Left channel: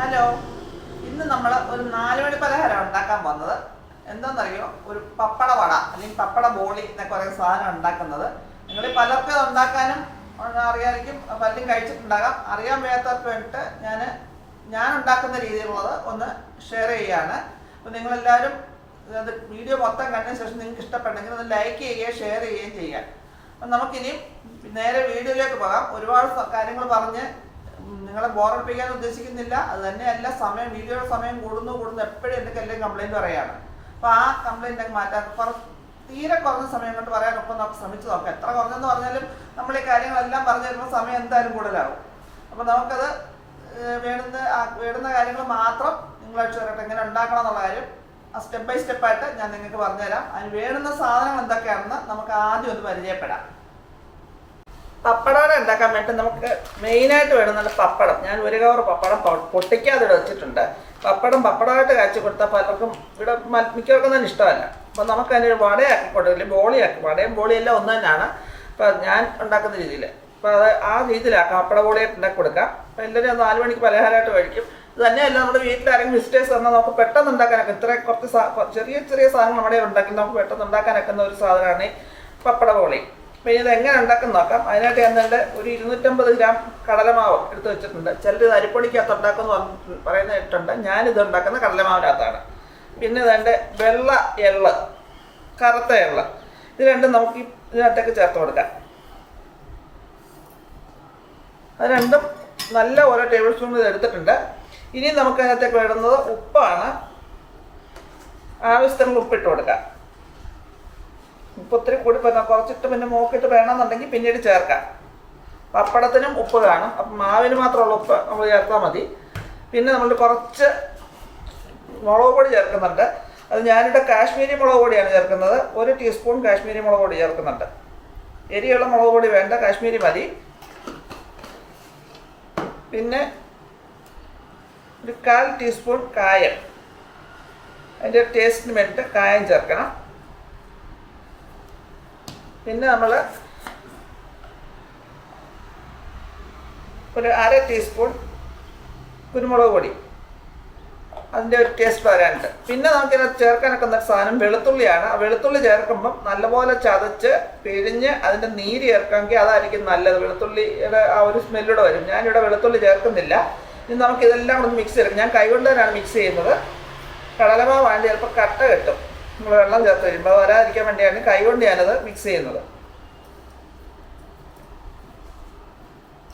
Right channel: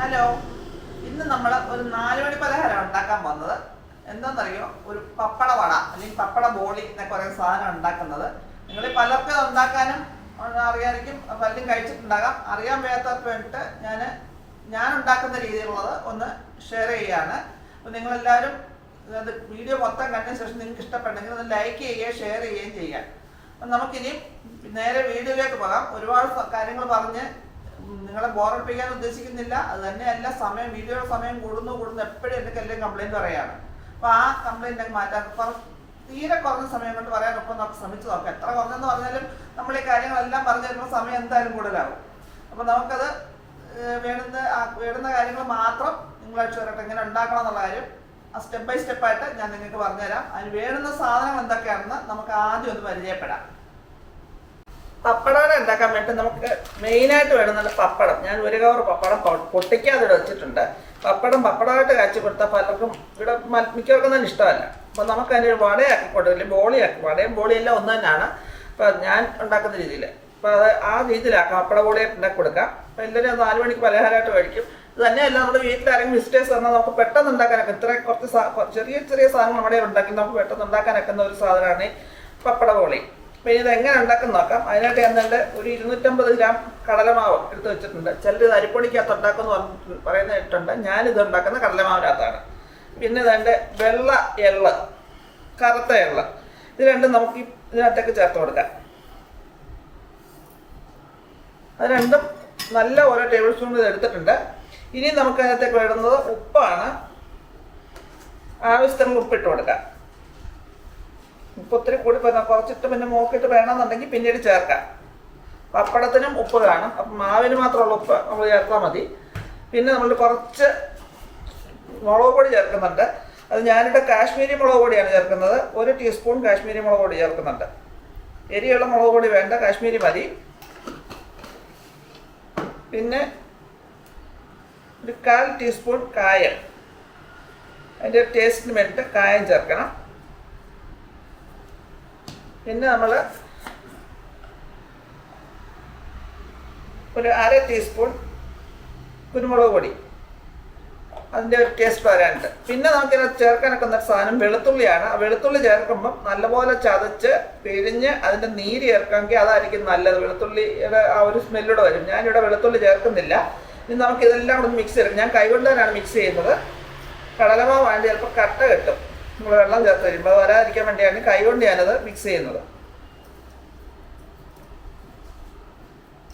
Hello. ഇന്ന് നമ്മൾ ഒരു നാലുമണി പലഹാരം ഉണ്ടാക്കാൻ പോകുന്നത്. എന്താണെന്നറിയോ? ഒരു പപ്പട വട അല്ലെങ്കിൽ പപ്പട ബോളി എന്നൊക്കെ പറയുന്ന സാധനം ഉണ്ടാക്കുന്നത്. നിങ്ങൾ പലർക്കും ഉണ്ടാക്കാനും അറിയാമായിരിക്കും പലരും കഴിച്ചിട്ടുണ്ടാകാം. അറിയാൻ വയ്യാത്തവർക്ക് വേണ്ടിയിട്ട് ഞാൻ ഞാൻ ഉണ്ടാക്കുന്ന രീതിയിലുള്ളത് ഒന്ന് ഷെയർ ചെയ്യാണ്. അപ്പോൾ നിങ്ങളെല്ലാവരും അത് വീഡിയോ മൊത്തം കണ്ടതിന് ശേഷം നിങ്ങൾക്ക് ഇഷ്ടപ്പെട്ടെങ്കിൽ ഒന്ന് ലൈക്ക് ചെയ്യുകയും ഷെയർ ചെയ്യുകയും ചെയ്യാം അപ്പം നമുക്കിനി നേരെ വീഡിയോയിലേക്ക് പോകാം. ഒരുപാട് കാര്യങ്ങൾ പറഞ്ഞ് നിങ്ങളെ ബോറടിപ്പിക്കാൻ ഉദ്ദേശിക്കുന്നില്ല. അത് തന്നെയല്ല സമയം വീഡിയോയുടെ സമയം കൂടുന്നു കൂടുന്നു. എപ്പോഴും എന്റെ എല്ലാം കംപ്ലൈന്റ് പറയാണ് അപ്പോൾ ആ കംപ്ലൈന്റ് മാറ്റാൻ കുറച്ച് തീരെ കുറഞ്ഞ സമയം കൊണ്ട് പറയാൻ ഒപ്പം നമുക്ക് ശ്രമിച്ചു നോക്കാം. എത്ര കുറഞ്ഞെന്ന് പറഞ്ഞാലും നമ്മൾ ഈ കാര്യങ്ങളെല്ലാം പറഞ്ഞു തരുമ്പോൾ സമയം എന്തായാലും കൂടുതലാവും അപ്പോൾ നമുക്കത് വേണ്ടുന്ന വേണ്ടുന്ന കാര്യങ്ങൾ മാത്രം നിങ്ങളാഴ്ച വരട്ടെ എങ്ങനെ ഉണ്ടാക്കണം എന്നുള്ള കാര്യം ആ സ്റ്റെപ്പ് ബൈ സ്റ്റെപ്പായിട്ട് ഞാൻ നിങ്ങൾക്ക് പറഞ്ഞുതരാം. അതിന് വേണ്ടുന്ന സാധനങ്ങൾ എന്തൊക്കെയാണെന്ന് നമുക്ക് ആദ്യം ഒന്ന് പരിചയപ്പെടാം. പപ്പടവട ഉണ്ടാക്കാൻ വേണ്ടി നമുക്ക് മെയിനായിട്ട് വേണമെന്നുള്ള പപ്പടം. ഞാൻ ഒരു കവർ പപ്പടം പൊട്ടിക്കാതെ ഇവിടെ വെച്ചിട്ടുണ്ട്. പപ്പടം പപ്പടമായിട്ട് കാച്ചി കൊടുത്താൽ പലർക്കും ഇവിടെ മിക്കവർക്കും തന്നെ ഇഷ്ടമല്ല. അപ്പോൾ നമുക്ക് അതിനൊരു വടയാക്കി കൊടുക്കില്ല ബോളിയാക്കി. വടയും ബോളിയെല്ലാം ഒന്ന് തന്നെയാണ്. അപ്പോൾ ഞാൻ ഉണ്ടാക്കുന്ന രീതിയിൽ അപ്പോൾ അത് ആ രീതിയിലാക്കാം. പപ്പട ബോളിയായിട്ട് ഉണ്ടാക്കി കൊടുക്കാം. അപ്പോൾ എല്ലാവരും നാല് മണിക്ക് പലഹാരമായിട്ട് കഴിക്കും. തന്നെയല്ല നമ്മുടെ വീട്ടിൽ ആരെങ്കിലും വിസിറ്റേഴ്സ് വന്നാൽ നമുക്ക് പെട്ടെന്ന് ഉണ്ടാക്കാനൊക്കെ ഇത്ര കുറച്ച് ചെറിയ ചെറിയ സാധനങ്ങൾ നമ്മുടെ ഉണ്ടാക്കി നമുക്ക് പെട്ടെന്ന് ഉണ്ടാക്കാനൊക്കുന്ന ഒരു സാധനമാണ് പപ്പട ബോളി. അപ്പോൾ ഇത് എങ്ങനെ ഉണ്ടാക്കുന്ന നോക്കാം. അതിനായിട്ട് ഞാൻ നല്ല ഒരു ഇരുന്നൂറ്റമ്പത് ഗ്രാം കടലമാവ് എടുത്ത് വെച്ചിട്ടുണ്ട്. ചിലർ അരിപ്പൊടിക്കകത്ത് ഉണ്ടാക്കുന്നു പറയുന്ന ഇട്ടുണ്ട് ഞാനിത് ഉണ്ടാക്കുന്ന കടലമാവിനകത്താണ്. പിന്നെ ഇതെന്റെ വെള്ള എള്ള് കറുത്ത എള്ള്. ഇത് രണ്ടും നമുക്ക് ഇതിനകത്തേക്ക് ചേർത്ത് കൊടുക്കാം. അത് രണ്ടും നല്ല ഓരോ ടേബിൾ സ്പൂൺ ഇത് എടുത്തിട്ടുണ്ട്. ഇനി നമുക്ക് അതിനകത്തേക്ക് വേണ്ടുന്നത് ഉപ്പാണ്. ആവശ്യത്തിനുള്ള ഉപ്പിട്ട് കൊടുക്കാം. ഉപ്പ് ഒത്തിരി കൂടി പിന്നെ കുറച്ചിട്ട് പിന്നെ മോക്കിട്ട് വേണമെന്നുണ്ടെങ്കിൽ പിന്നീട് ചേർക്കാം. പപ്പടത്തിനും ഉപ്പ് കാണും അപ്പം മാവിന് മാത്രമുള്ള ഉപ്പ് നമ്മൾ ചേർത്താൽ മതി. പിന്നെ നമ്മൾ കുറച്ച് മുളക് പൊടി ചേർക്കുന്നുണ്ട്. അത് ഞാനിവിടെ കാശ്മീരി മുളക് പൊടിയാണ് ചേർക്കുന്നത്. ഒരു ടീസ്പൂൺ കാശ്മീരി മുളക് പൊടി ചേർക്കുന്നുണ്ട്. എരിയുള്ള മുളക് പൊടി വേണ്ട. കാശ്മീരി മതി. പിന്നെ ഒരു കാൽ ടീസ്പൂൺ കായം. അതിന്റെ ടേസ്റ്റിന് വേണ്ടിയിട്ട് കായം ചേർക്കണം. പിന്നെ നമ്മൾ ഒരു അര ടീസ്പൂൺ കുരുമുളക് പൊടി. അതിന്റെ ഒരു ടേസ്റ്റ് വരാനുണ്ട്. പിന്നെ നമുക്കിതിനകത്ത് ചേർക്കാനൊക്കെ ഒരു സാധനം വെളുത്തുള്ളിയാണ്. ആ വെളുത്തുള്ളി ചേർക്കുമ്പം നല്ലപോലെ ചതച്ച് പിഴിഞ്ഞ് അതിന്റെ നീര് ചേർക്കാമെങ്കിൽ അതായിരിക്കും നല്ലത്. വെളുത്തുള്ളിയുടെ ആ ഒരു സ്മെല്ലൂടെ വരും. ഞാനിവിടെ വെളുത്തുള്ളി ചേർക്കുന്നില്ല. ഇനി നമുക്കിതെല്ലാം കൂടെ മിക്സ് ചെയ്യും ഞാൻ കൈകൊണ്ട് തന്നെയാണ് മിക്സ് ചെയ്യുന്നത്. കടലമാവാണ്ട് ചിലപ്പോൾ കട്ട കിട്ടും. നമ്മൾ വെള്ളം ചേർത്ത് വരുമ്പോൾ വരാതിരിക്കാൻ വേണ്ടിയാണ് കൈകൊണ്ട് ഞാനത് മിക്സ് ചെയ്യുന്നത്.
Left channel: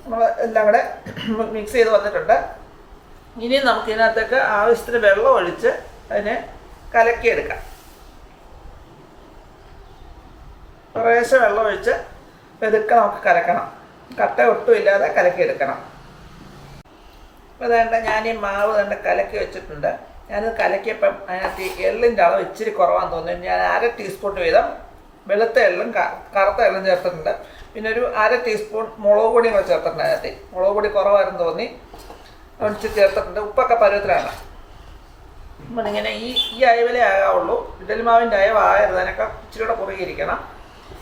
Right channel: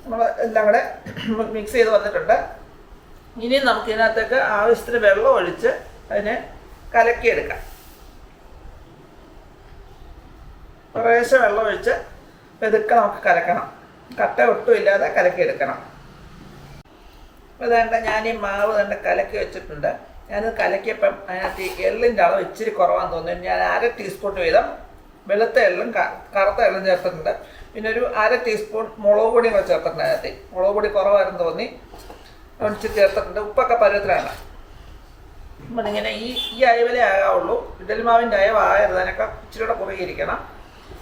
നമ്മൾ എല്ലാം കൂടെ മിക്സ് ചെയ്ത് വന്നിട്ടുണ്ട്. ഇനി നമുക്ക് ഇതിനകത്തേക്ക് ആവശ്യത്തിന് വെള്ളം ഒഴിച്ച് അതിനെ കലക്കിയെടുക്കാം. കുറേശ്ശെ വെള്ളം ഒഴിച്ച് പെതുക്കെ നമുക്ക് കലക്കണം. കട്ട ഒട്ടുമില്ലാതെ കലക്കിയെടുക്കണം. അപ്പോൾ വേണ്ട ഞാൻ ഈ മാവ് കണ്ട് കലക്കി വെച്ചിട്ടുണ്ട്. ഞാനത് കലക്കിയപ്പം അതിനകത്ത് എള്ളിന്റെ അളവ് ഇച്ചിരി കുറവാന്ന് തോന്നുന്നു. ഞാൻ അര ടീസ്പൂൺ വീതം വെളുത്ത എള്ളും കറുത്ത എള്ളും ചേർത്തിട്ടുണ്ട്. പിന്നെ ഒരു അര ടീസ്പൂൺ മുളക് പൊടിയും കൂടെ ചേർത്തിട്ടുണ്ട് അതിനകത്ത്. മുളക് പൊടി കുറവായിരുന്നു തോന്നി. ഒഴിച്ച് ചേർത്തിട്ടുണ്ട്. ഉപ്പൊക്കെ പരുവത്തിലാണ്. ഇങ്ങനെ ഈ ഈ അയവലേ ആകാവുള്ളൂ. ഇഡലിമാവിന്റെ അയവ് ആകരുത്. അതിനൊക്കെ ഇച്ചിരി കൂടെ കുറുകിയിരിക്കണം.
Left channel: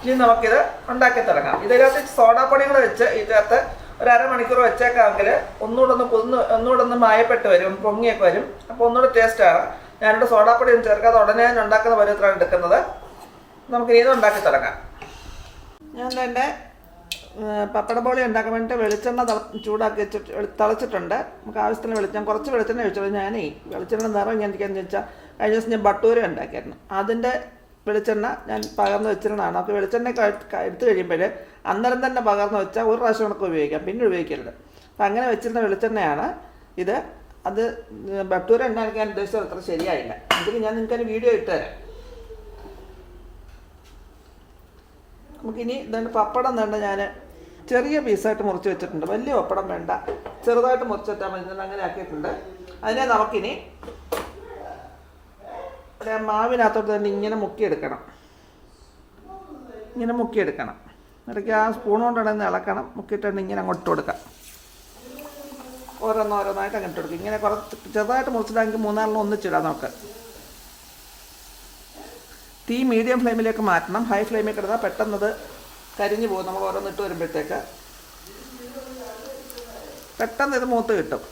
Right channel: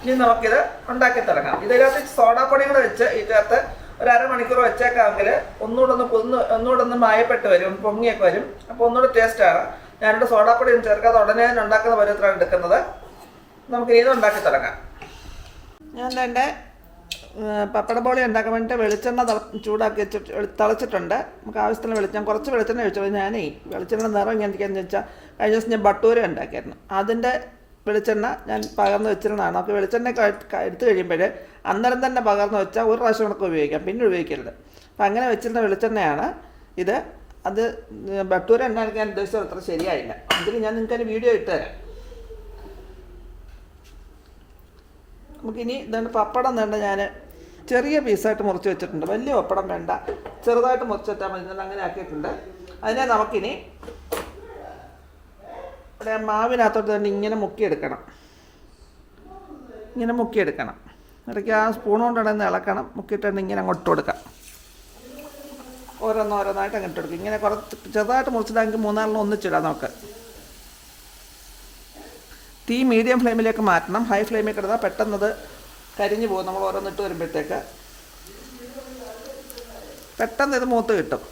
ഇനി നമുക്കിത് ഉണ്ടാക്കി തുടങ്ങാം. ഇതിനകത്ത് സോഡാപ്പൊടിയും കൂടെ വെച്ച് ചേർത്ത് ഒരു അരമണിക്കൂർ വെച്ചേക്കാമെങ്കിൽ ഒന്നുകൂടെ ഒന്ന് പൊന്ന് ഒന്നുകൂടെ ഒന്ന് മായപ്പെട്ട് വരും പൊങ്ങിയൊക്കെ വരും. അപ്പോൾ ഒന്നുകൂടെ ടേസ്റ്റാണ് ഞാനിവിടെ സോഡാപ്പൊടി ഒന്നും ചേർക്കാതെ ഉടനെ തന്നെ ഉണ്ടാക്കുന്ന പരുവത്തിലാണ് എടുക്കുന്നത്. നമുക്ക് ഇത് ഉണ്ടാക്കി തുടങ്ങാം. ഞാൻ എന്റെ പപ്പട ബോളി ഉണ്ടാക്കാൻ വേണ്ടിയിട്ട് വെളിച്ചെണ്ണ ചൂടാക്കി വെച്ച് തിളച്ചിട്ടുണ്ട്. നമുക്ക് ആവശ്യത്തിന് വെളിച്ചെണ്ണ കുറച്ച് വെളിച്ചെണ്ണ ഒഴിച്ചു. ഞാനേ വെളിച്ചെണ്ണ നിറം എങ്ങനെയൊക്കെയാണെന്ന് വെച്ചാൽ കഴിഞ്ഞ ദിവസം ഞാൻ ബട്ടൂര ഉണ്ടാക്കിയായിരുന്നു. അതിന്റെ വെളിച്ചെണ്ണ ഞാൻ പകർന്ന് വെച്ചിരുന്നതാണ്. അപ്പോൾ വെളിച്ചെണ്ണ എടുത്തു കഴിയുമ്പോൾ അന്നേരം തന്നെ പകർന്നു വെച്ചാൽ ഒരു പ്രാവശ്യം നമുക്ക് ഉപയോഗിക്കാം. പിന്നെ ഉപയോഗിക്കരുത്. അപ്പം അങ്ങനെ വെച്ചിരുന്ന വെളിച്ചെണ്ണയാണ്. ഇത് അത് ബട്ടൂര ഉണ്ടാക്കാൻ ഉദ്ദേശിച്ചത് അത്ര ശരിയായില്ല. അതിൽ ഞാൻ നിങ്ങൾക്ക് വീഡിയോ ഇട്ട് നമുക്കിനി ഇതുകൊണ്ട് പപ്പടം വേണ്ട ഞാൻ ചെറിയ പീസായിട്ട് മുറിച്ച് വെച്ചിട്ടുണ്ട്. വലിയ പപ്പടം വേണ്ട. ചെറുതായിട്ട് മുറിച്ച് വെച്ചാൽ മതി. ഞാൻ അങ്ങനെ ആക്കിയിട്ടുണ്ട്. അതിനെ നമുക്കിനി മാവിനകത്തോട്ട് തന്നെ ഇങ്ങനെ മുക്കിയെടുക്കണം. ഇങ്ങനെ മുക്കിയെടുക്കണം. ഇടയ്ക്ക് ആ സ്പൂൺ കൊണ്ടുണ്ടെന്ന് ഇളക്കണം. മുക്കിയിട്ട് തന്നെ ഇങ്ങനെ അങ്ങോട്ട് കൊടുക്കാം. ഓരോന്ന് ഓരോന്നായിട്ട് അങ്ങോട്ട് കൊടുക്കും. ഇങ്ങനെ കുറച്ച് ചെറുതായിട്ട് മുറിച്ചിടാമെങ്കിൽ മൂന്നാളിന് ഒന്നിച്ചിടാം നമുക്ക്. തീ മീഡിയം ഫ്ലെയിമിലേക്ക് മാറ്റണം. ഹൈ ഫ്ലെയിമിൽ കിടന്നാൽ പെട്ടെന്നത് കരിഞ്ഞു പോകും. നമ്മൾ ഓരോന്നിട്ട് വരുമ്പോഴത്തേക്ക്. പെട്ടെന്ന് ഇത് മൂത്ത് കിട്ടും.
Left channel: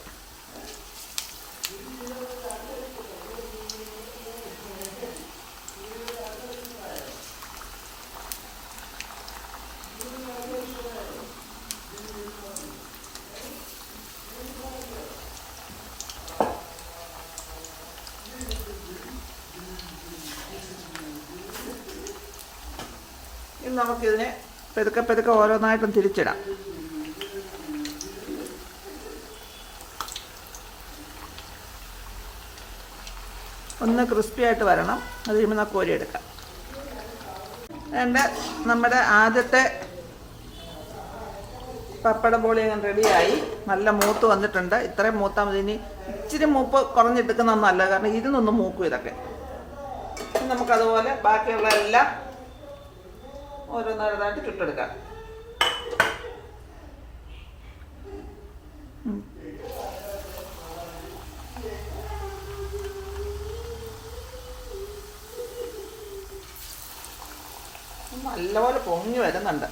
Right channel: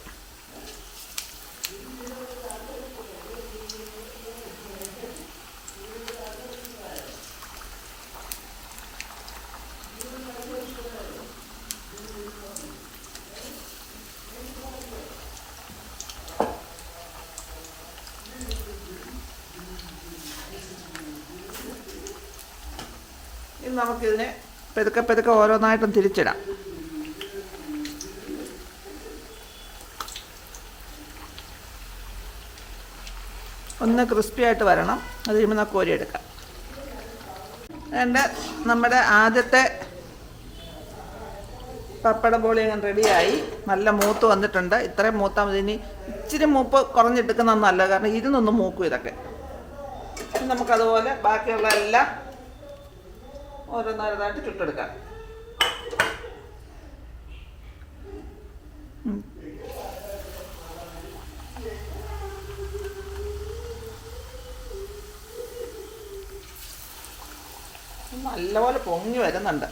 നമുക്കിതിനെ പെതുക്കെ പെതുക്കെ ഓരോന്നായിട്ടും തിരിച്ചിടാം. ഒന്ന് ക്രിസ്പി ആയിട്ട് വരണം. അത് കഴിയുമ്പോൾ നമുക്ക് കോരിയെടുക്കാം എന്റെ നമ്മുടെ ആദ്യത്തെ പപ്പട ബോളി ഞാൻ റെഡിയായി. നല്ല മൂത്ത് വന്നിട്ടുണ്ട്. ഇത്രയും മൂത്താൽ മതി. ഇനി ഇച്ചിരി മൂപ്പ് കുറഞ്ഞെടുക്കുന്നതൊന്നും അല്ല കാരണം ഇരുന്നൊന്ന് മൂക്കും ഇതൊക്കെ. നമുക്കതുപോലെ ബാക്കിയുള്ള എല്ലാം ഓരോന്നോരോന്നായിട്ട് ചുട്ടെടുക്കാം ഉം. നല്ലപോലെ പൊങ്ങി വരുന്നുണ്ട്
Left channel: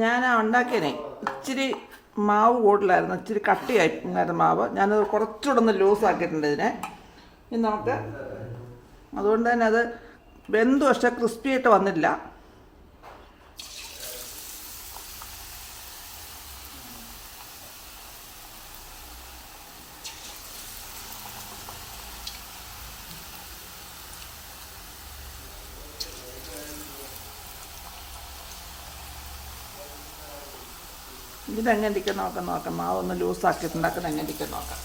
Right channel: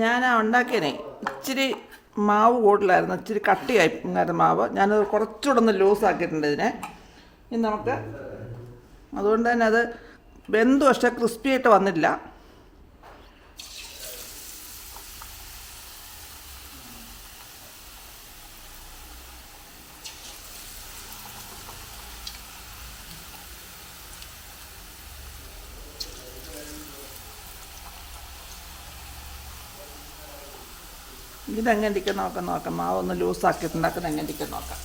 ഞാൻ ഉണ്ടാക്കിയതേ ഇച്ചിരി മാവ് കൂടുതലായിരുന്നു. ഇച്ചിരി കട്ടിയായി ഉണ്ടായിരുന്ന മാവ്. ഞാനത് കുറച്ചുകൂടെ ഒന്ന് ലൂസ് ആക്കിയിട്ടുണ്ട് ഇതിനെ. ഇനി നമുക്ക് അതുകൊണ്ട് തന്നെ അത് വെന്തു പക്ഷേ ക്രിസ്പി ആയിട്ട് വന്നില്ല. ഇതെങ്ങനെ ഇരിക്കും നോക്കാം നോക്കാം. മാവൊന്ന് ഒന്ന് ലൂസ് ആക്കിയിട്ടുണ്ടാക്കുന്ന എങ്ങനെ ഇരിക്കും നോക്കാം.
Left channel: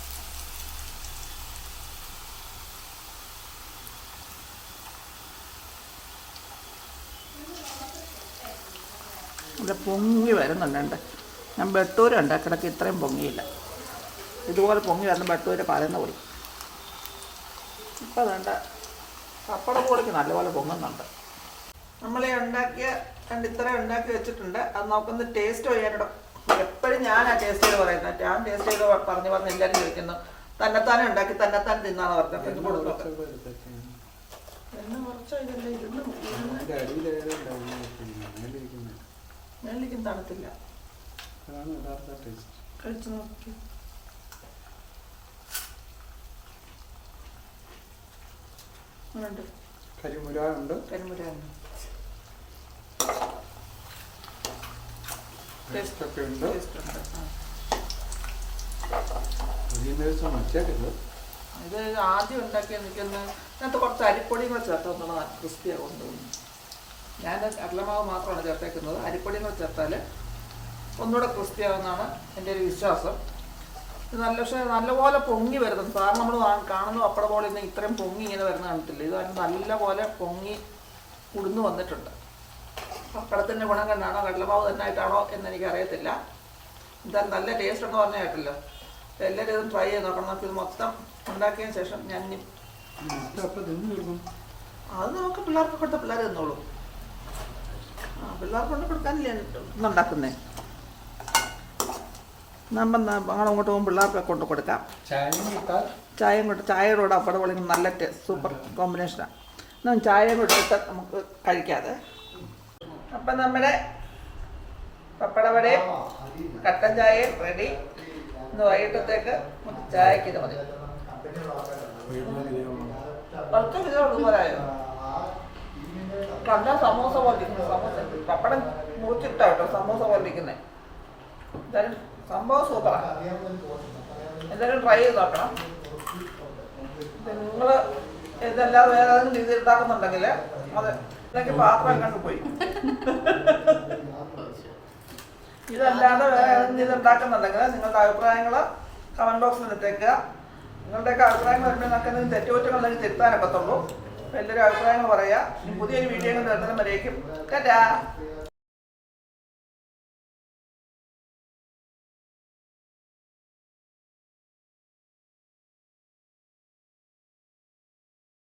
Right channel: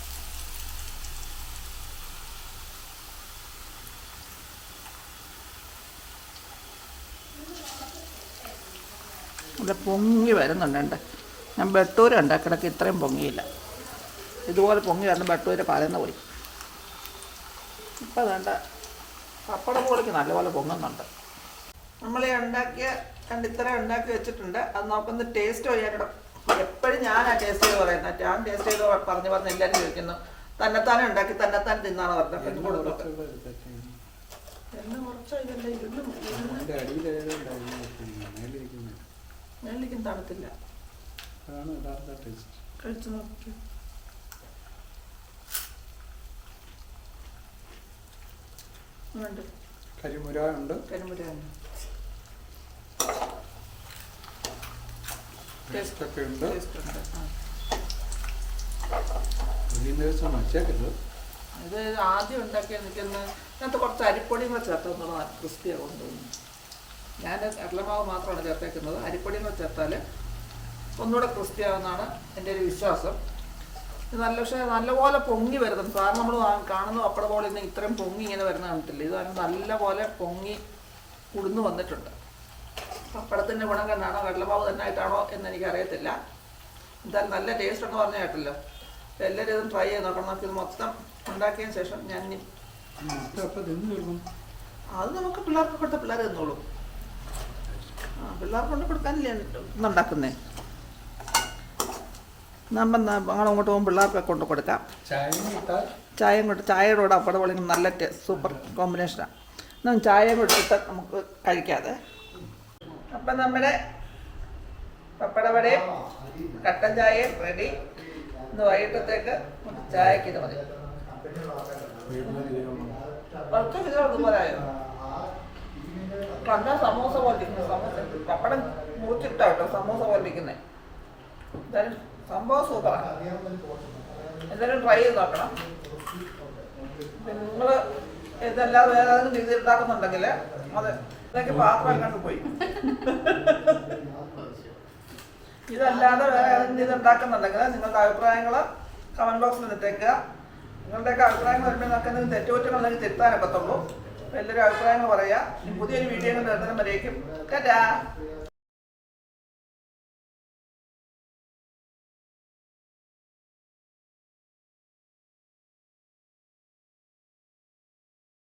ഇത് പൊങ്ങി വരുന്നുണ്ട് ഞാൻ ബട്ടൂര ഉണ്ടാക്കിടക്ക് ഇത്രയും പൊങ്ങിയില്ല. ഇതുപോലെ പൊങ്ങി വരുന്ന ബട്ടൂര പറയുന്ന കൊടുക്കും ഇപ്പം അതുകൊണ്ട് പപ്പടം കൂടിക്ക് നല്ലപോലെ പൊങ്ങുന്നുണ്ട്. നമ്മളീ ഉണ്ടാക്കിയ കണ്ട് ഇത്രയും ഉണ്ടാക്കി വെച്ചിട്ടുണ്ട്. അത് നമുക്കൊന്ന് ടേസ്റ്റ് ചെയ്യാനിടം എപ്പോഴും ഞാൻ ആ ടേസ്റ്റ് ചെയ്ത് പറയുന്നത് ഞാൻ ടേസ്റ്റ് ചെയ്ത് പറഞ്ഞു പറഞ്ഞ് എല്ലാവരും ചോദിക്കുന്നു. തന്നെത്താനെ ഉണ്ടാക്കി തന്നെത്താൻ തിന്നാന്ന് പറഞ്ഞു അപ്പം ഇത് കൊടുത്തു എണ്ണ കുറച്ചോ ഇതില്ല ഇരുന്ന് വെള്ളിക്കും തണുത്തില്ല. കഴിച്ചു നോക്കി. വേണ്ട കരിമുര ഉണ്ട് കരിമുരാണ് പേസ്റ്റ് ഉണ്ട് വച്ചേക്കരുത് ഇത് ആദ്യം ഉണ്ടാക്കി നിൽക്കുന്ന ഇതിനകത്ത് കുറച്ച് അരിപ്പൊടിയും കൂടെ ചേർത്തോന്നാണ് ക്രിസ്പിയാണ് കൊണ്ടുപോകുന്നത് ഞാൻ കടലമാവ് മാത്രമാണ് ചേർത്തേക്കുന്നത് അരിപ്പൊടിയും കൂടെ ചേർത്താൽ ഒന്നുകൂടെ ക്രിസ്പിയാവുന്നതാണ് എന്റെ ഒരു വിശ്വാസം ഇത് നല്ല പക്ഷേ നല്ലപോലെ പൊങ്ങി വരുന്നുണ്ട് സാറിന് നമ്മൾ കാണുന്ന പപ്പട പോലെ ഇന്ന് ഇത്രയും പൊങ്ങി ഇങ്ങനെ വരുന്ന കണ്ടിട്ടില്ല ഇത് നല്ലപോലെ പൊങ്ങി കുടുന്നു വന്നിട്ടുണ്ട് പപ്പടത്തിന്റെ ഗുണം തന്നെയാണോ കടലമാവ് തന്നെ ആയിട്ടാണോ എന്ന് എനിക്കറിയത്തില്ല എന്തായാലും നല്ല ടേസ്റ്റ് ഉണ്ടോ പറഞ്ഞ കേട്ടല്ലോ എല്ലാവരും ഇതും ട്രൈ ചെയ്ത് നോക്കണം. ഇത് മൊത്തം ഉണ്ടാക്കിയതിന് ശേഷം ഞാൻ അത് നമുക്ക് പിള്ളേർക്ക് കൊടുത്ത പിള്ളേർ തന്നോളൂ. പിള്ളേർക്ക് കൊണ്ട് കൊടുക്കാനില്ല ഇന്നുണ്ടാക്കുന്നേ നമ്മൾ അങ്ങോട്ട് പോകുമ്പോൾ പിള്ളേർക്ക് കൊണ്ട് കൊടുക്കാം. ചായ ചായയും കൊണ്ട് ചായയോട് അപ്പടപൊളി നല്ല ടേസ്റ്റ് സൂപ്പർ കോമ്പിനേഷനാണ് എന്നാൽ ചായയും കൊടുത്തിട്ട് നമുക്ക് കഴിക്കാതെ അപ്പം നമ്മുടെ പപ്പടവടയും കട്ടൻ ചായയും റെഡി ഇന്ന് വൈകിട്ടത്തേക്ക് ചായക്ക് ഇത് മതി. കുറച്ച് കിലോ കണ്ടാൽ സമോസ പോലിരിക്കുന്നത് സമോസ. പപ്പടം മുറിച്ചിട്ടാ കേട്ടോ സമോസ പോലിരിക്കുന്നത് എന്തായാലും സംഭവം സൂപ്പറാണ് എന്തായാലും ട്രൈ ചെയ്ത് നോക്കണം. നിങ്ങൾ ഇതല്ലാതെ വേറെ ഏതെങ്കിലും രീതി ഉണ്ടാക്കുന്നുണ്ടെങ്കിൽ അത് ഇതൊക്കെ പാത്രം കണ്ടു പോയി. ഇതല്ലാതെ വേറെ ഏതെങ്കിലും രീതി ഉണ്ടാക്കുന്നുണ്ടെങ്കിൽ നിങ്ങളുടെ അഭിപ്രായങ്ങൾ കമന്റ് ബോക്സിൽ ഇട്ടേക്കുക. നിങ്ങളുടെയൊക്കെ അഭിപ്രായങ്ങൾ വരുമ്പോൾ നിങ്ങൾക്ക് എന്തെങ്കിലും തെറ്റുകുറ്റങ്ങളുണ്ടെങ്കിൽ തിരുത്താനൊക്കത്തുള്ളൂ എല്ലാവരും അഭിപ്രായങ്ങൾ പറയുക. പുതിയൊരു വീഡിയോ വരുന്നതിനും വരേക്കും. ടാറ്റാ.